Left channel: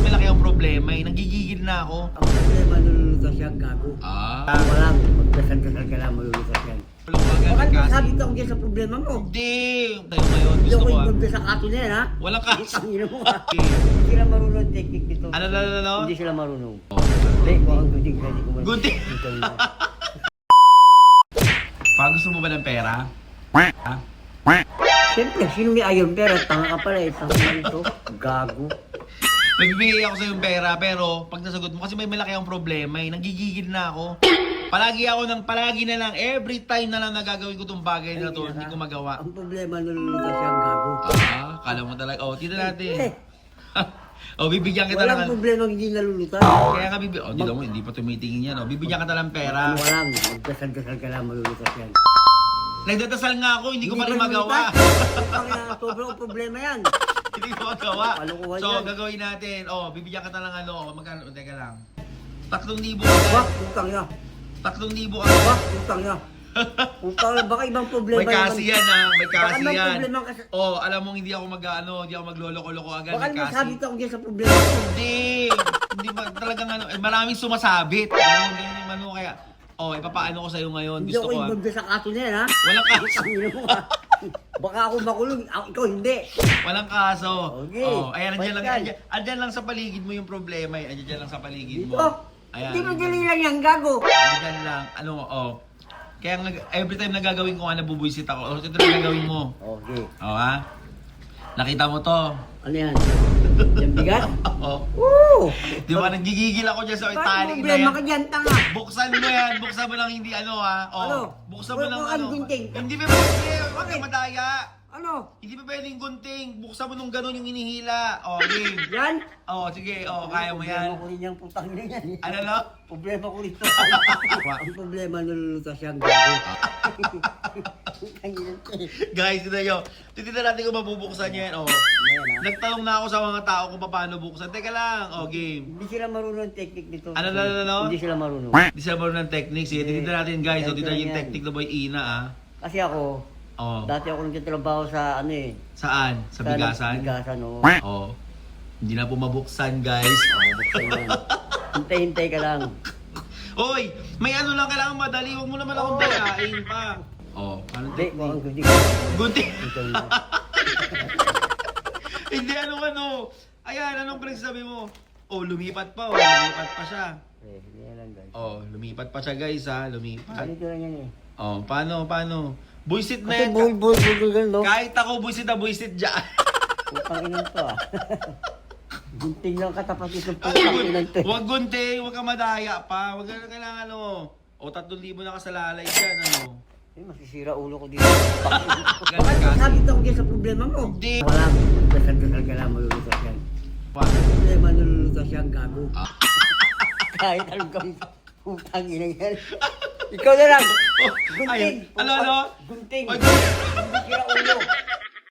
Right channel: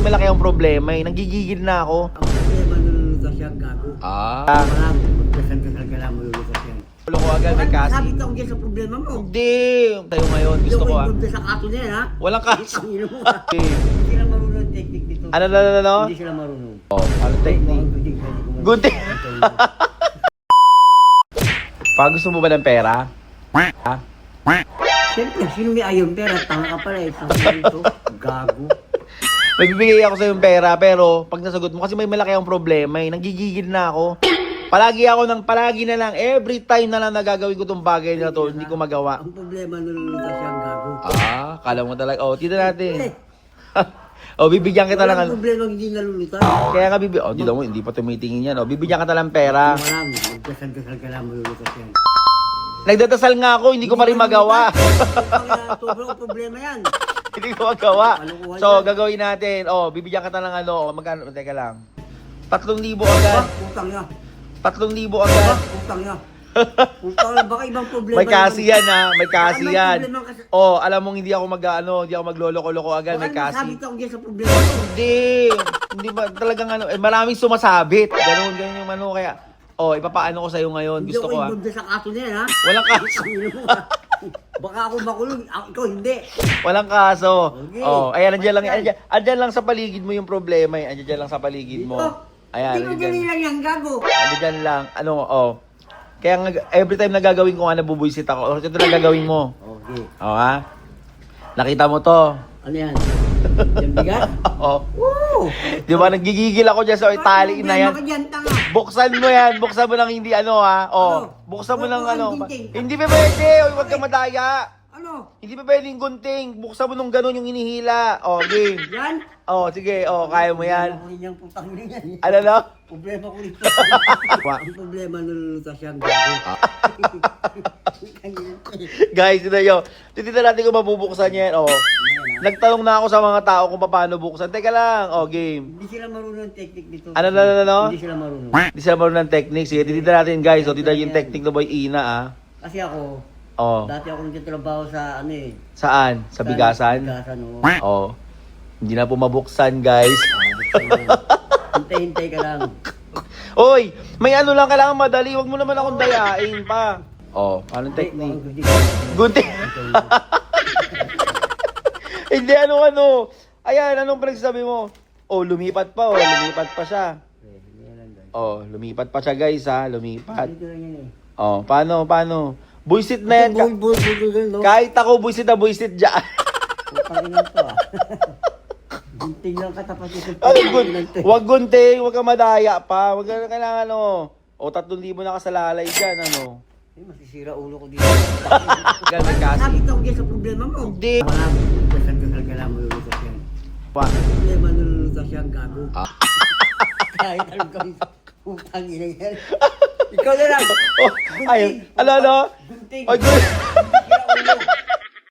may malaki ang problema eh. Nagigigil na ako. Ang problema nalulutas yan, gago. Tama lang, magdasal-dasal ka lang, malulutas yan. Wala ko agad, may Bakit kasi. sabi ka kung sa problema mo? Hindi. Tayo ngayon, Hindi gusto ako ko ah. involved sa kato na yan, ha? Walang kasi. Ang ino mo, ha? Hindi sila marunong technique dito. Ano? Hindi sila marunong. Oh, ano technique? Good thing. Pag gusto mo ba ng pera? Ha? Siyempre, sino may ayon pera? Tanga ka pala eh. Tanga ito. Gago. Nagbibigay ako sa yung pera pero pag nasagot mo kasi may malaki ang problema eh. Nagigigil na ako. Palagi na lang, every time na lang nagagawin ko tong bagay na to, hindi ko magawa. Ang problema nalulutas yan, gago. Kala mo talaga. Oh, tito natin. Oh, bibigyan kita lang. Walang problema hindi nalulutas. Kaya nga bibigyan. Oh, dito mo, hindi pa tumitingin yan. Oh, bibigyan kita lang pera. Walang, magdasal-dasal ka lang, malulutas yan. Nagdadasal nga ako, hindi ko pa rin magawa. Sobrang problema yan. Hindi ko magawa. Kalukuhan So, yan. gagawin natin. Oh, bibigyan kita ng ano. Oh, magkano? Teka lang. 3,000 agad. Utang niya. 3,000 agad. Utang niya. Utang niya. Baka ibang problema. May kasi yan ha. May Baka kasi may yan. problema kasi. Oh, alam mong hindi ako hindi ako magloloko-loko agad. Baka May kasi. nasabi ka kung sa problema mo. Hindi ba talagang ano. Maraming sumasabit. Ganun yung ano. Kaya, oh, ipapaano ko sa'yo ngayon. Hindi Gusto ako ko ha. involved sa kaso na yan, ha? Walang kaso. Ang ino mo, ha? Baka ako makulong. Ikaw hindi. Walang kaso. Okay. Oh, ayan, andyan lang, Basta. andyan lang sa paligid mo yung problema eh. Andyan lang sa paligid mo. Ayan. Hindi mo dali lang yan, gago. Andyan lang. Ano, oh. Kaya every time na gagawin ko nga, nabubuisit ako. Oh, ito na gagawin mo. Okay. Oh, ha? Nakita mo to. Ano yan? Yung bigat? Oh. Woo! Di ba, nagigigil ako dyan sa itali na yan. Problema ka dyan, tanga. Buksan mo yan. Buksan mo ng hindi ano, ha? Oh. Ano? Buksan mo ng Huwag ano. kang gunting. Hindi pa pwede. Huwag kang madaya. Ano? Hindi pa pwedeng gunting. Buksan mo nung ganun yung inihila. Oh, game. Yan? Oh, sige. Oh, kaya mo yan. Problema ko rin yung putang ina yan. Ano na? Problema ko rin. Ang problema nalulutas yan, gago. Guys, ito nyo. Titignan natin kung mabubuksan yan. Oh. Nagtanong na ako sa mga tao kung paano buksan. Teka lang. Oh, game. Hindi sila marunong ng technique dito. Ano? Hindi sila marunong. Hindi sila marunong ng technique. Sige, titignan natin guys. So, titignan yung technique na boy Ina, ah. Kasi ako, Oh. dati ako nagtatrabaho sa ano eh. Saan? Sa bigasan? Bigasan, oo. Oh. Hindi na po mabuksan, guys. Hintay-hintay ka lang. Oy, may ano lang kailangan madali. Huwag mo naman akong dayain pa. Oh, anong technique? Gunting. Hindi, ano. Ayan, anong pinagsasabi mo? Oh, lumipat pa. Oh, lumipat pa siya. Oh, lumipat pa siya, guys, ha. Lumipat. Dito lang yan eh. Oh, paano? Buisit na yan. Bull, no? Kahit ako buisit na buisit dyan. Putang ina to ah. Gunting lang katapat ito. Wag gunting, wag kang madaya pa. Wag ka kailangan ano. O 3,000 nakasalalay dyan, ano. Eh, masisira ulo ko dito. Ganun kasi. Sabi ka kung sa problema mo. Hindi. Walang, dasal-dasal ka lang, malulutas yan. Pa. Ang problema nalulutas yan, gago. Ah. Kahit anong gawin, putang ina yan. Ikaw na lang. Oh, ay, ano? Gunting. Ay, Hindi sira ulo.